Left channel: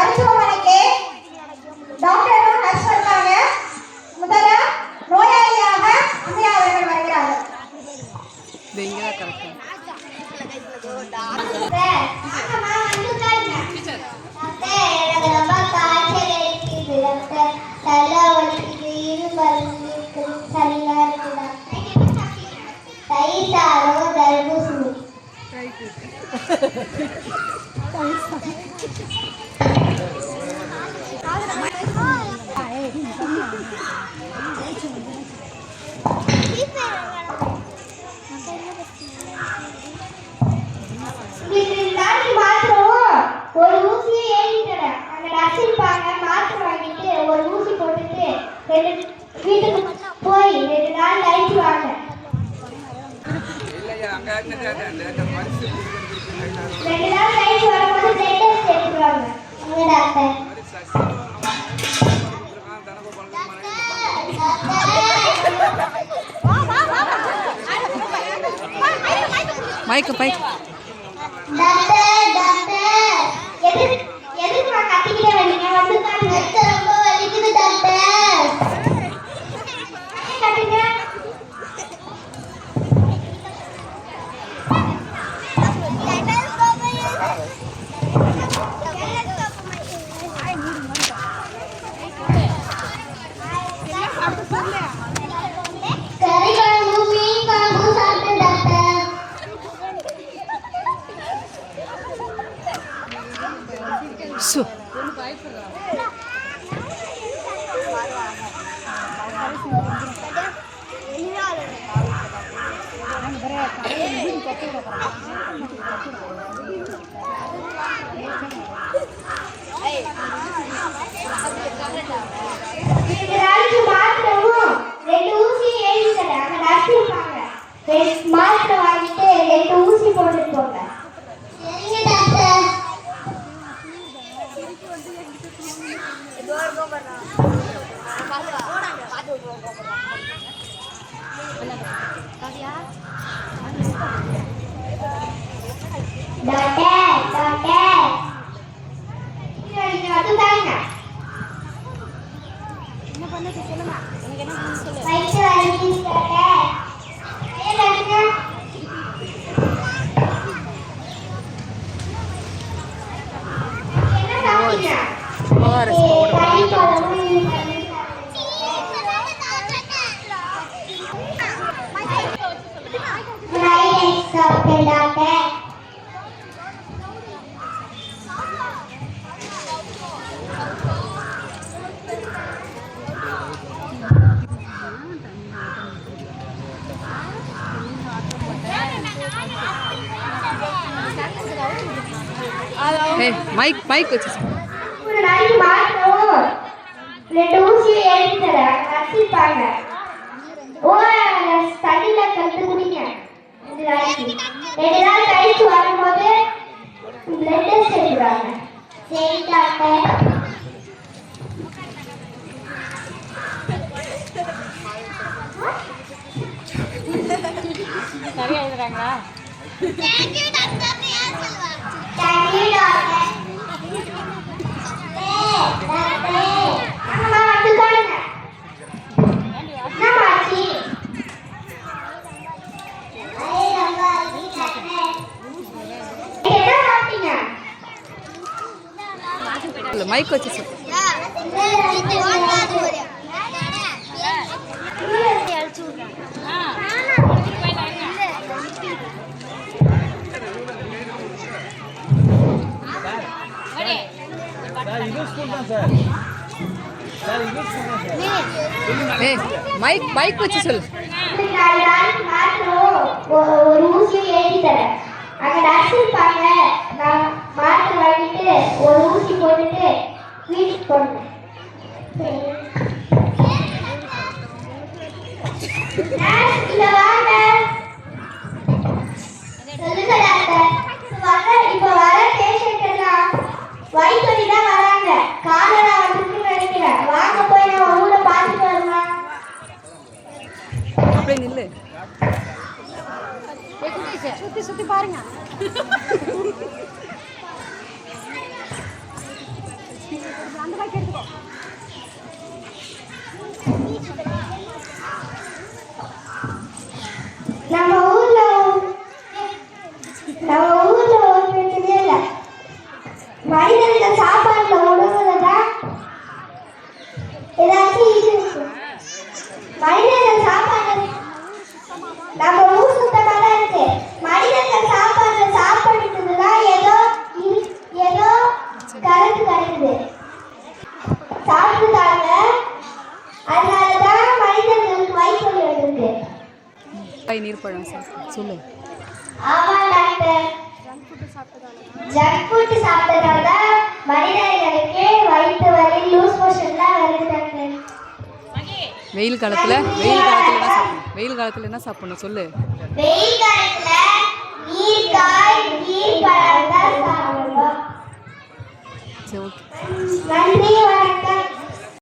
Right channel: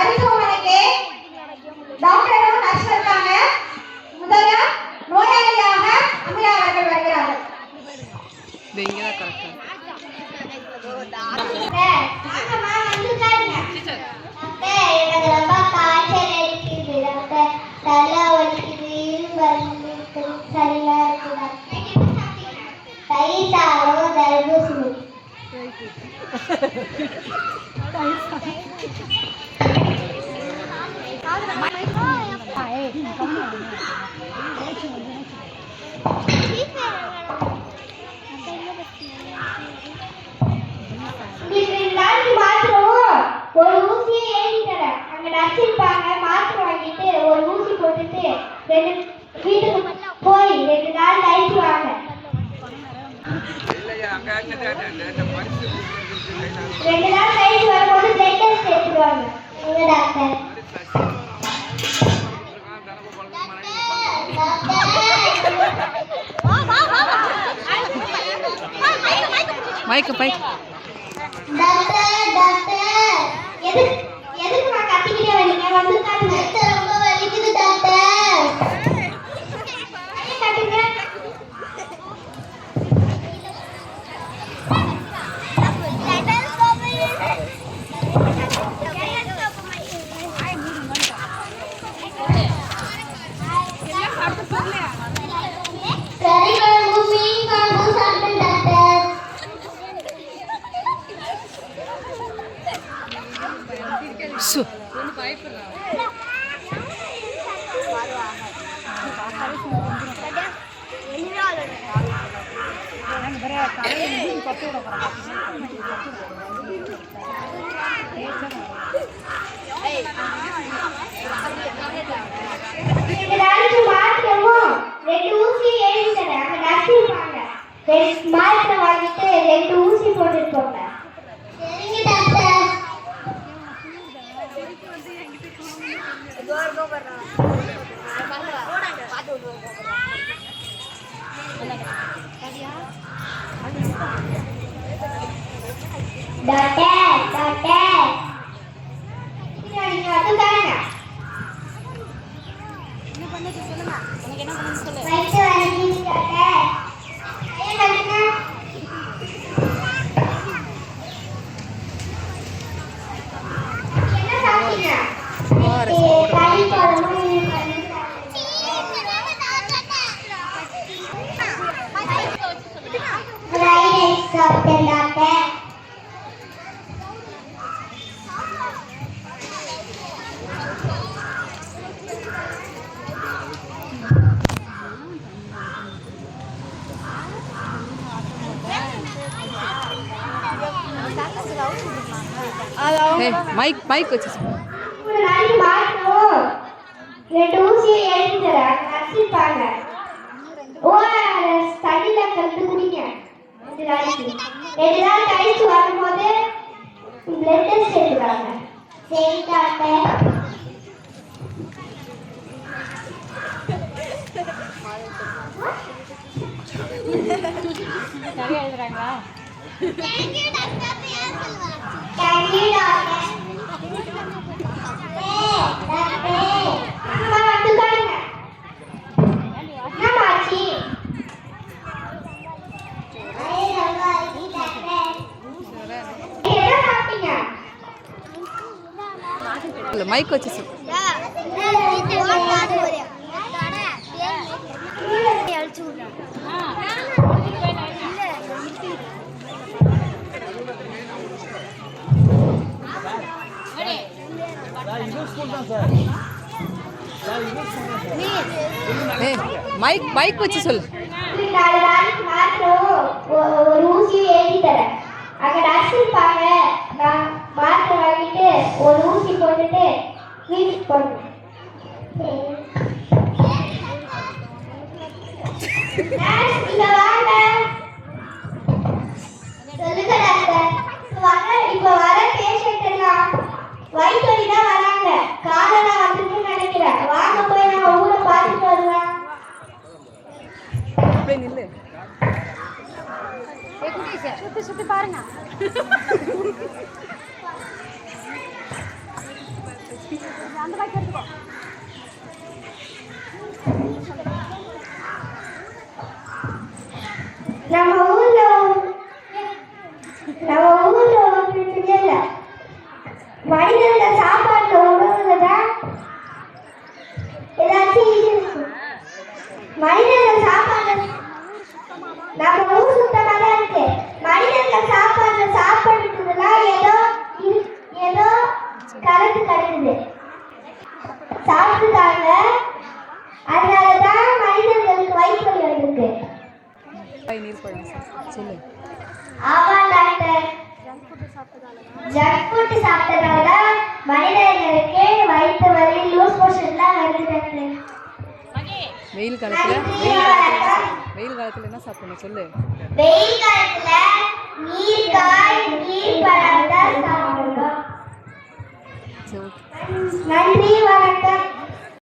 மருத்துவமனைக்கு டாக்டரும் நர்ஸ் இருக்காங்க. முதல்ல நோயாளியாக அம்மையாளர்கள் வருகிறார்கள். இது இங்கே தான் கரெக்டாக ஒரு ஊசியை ஏறிக்கிறேன். அங்க நடிச்சிருப்பாங்க. மாத்திரை வாங்கிட்டு ஒரு ஊசி போட்டுட்டு வீட்டுக்கு போய் 2 நாள் கழிச்சு வாங்க. 2 நாள் கழிச்சு வரும்போது டெஸ்ட் எடுத்துருவாங்க. உங்க டாக்டர் மைக்கு மைக் டாக்டர் டாக்டர் எதுக்கு நான் கத்திக்கிட்டே வரீங்க? வந்து டாக்டர் ரொம்ப வலிக்குது டாக்டர். கத்திங்க. சு மாத்திரை வாங்கிட்டு 2 ஊசி போட்டுட்டு போங்க. சரிங்க டாக்டர். டாக்டர் டாக்டர் நீங்க வந்து தாங்க. என்ன பண்ணு சொல்லுங்க. உங்களுக்கு என்ன பண்ணனும் சொல்லு. மைக் வாங்கி டாக்டர். ஐயா கட்டுங்க. என்ன சாப்பிட்டீங்க? ஓஆர்எஸ் பவுடர் மைக் மைக் வச்சு 2 ஊசி ஏறிட்டதா நடிச்சிருப்பாங்க. ஓஆர்எஸ் தண்ணில கலந்து குடிங்க. 2 நாள் கழிச்சு வரும்போது பிளட் டெஸ்ட் எடுக்கிறாங்க. சரி டாக்டர். சரியா எழுதுறாங்களா? Thank you doctor. Thank you doctor. அம்மா வந்து பாருங்க. நாமாச்சி ஐயா நாமாச்சி டாக்டர். என்ன சாப்பிட்டீங்க? மைக் வச்சு சொல்லு. மைக் மைக் வச்சு சொல்லு. ஒரு ஊசி ஏறி தரேன். அங்க நடிச்சிருப்பாங்க. நான் மாத்திரை வாங்கிட்டு ஒரு ஊசி போட்டுட்டு வீட்டுக்கு போனேன். இங்க வாங்க. சொல்லுங்க டாக்டர். வாங்க. இப்ப வர பேஷண்ட் எல்லாம் வயிற்று வலி தான் வராங்க. காலரா வந்துருக்குன்னு நினைக்கிறேன். வாங்க போய் நான் ஊரை பார்த்துட்டு வருவேன். அப்படியே நில்லு. சுத்தி சுத்தி பாருங்க. நம்ம ஊர்ல ஒரு பிரச்சனை இல்ல. மனிதர்கள் சாப்பாடுல உணவுலதா ஏதாச்சும் இது இருக்கும். மனிதர்கள் சாப்பாடு நம்ம ஊர் சுத்தமா தான் இருக்கு. மனிதர்கள் சாப்பாடு சாப்பிடுறதுக்குதான் ஏதோ கருத்து கிடைக்குது. சாப்பிட்டுட்டாங்க, அதனாலதான் மனிதர்களுக்கு வயிற்று வலி வந்திருக்கு. நீர் பழம் சொல்லு. ஆமா டாக்டர், ஜங்க் ஃபுட் சாப்பிட்டதால தான் மனிதர்களுக்கு வயிற்று வலி, லூஸ் மோஷன்லாம் வருது டாக்டர். வெயில் காலத்துல என்ன சாப்பிடணும் சொல்லு. வெயில் காலத்துல நீர்க்காய், நீர் பழம் தான் சாப்பிடணும். சரி, ஓகே. நன்றி.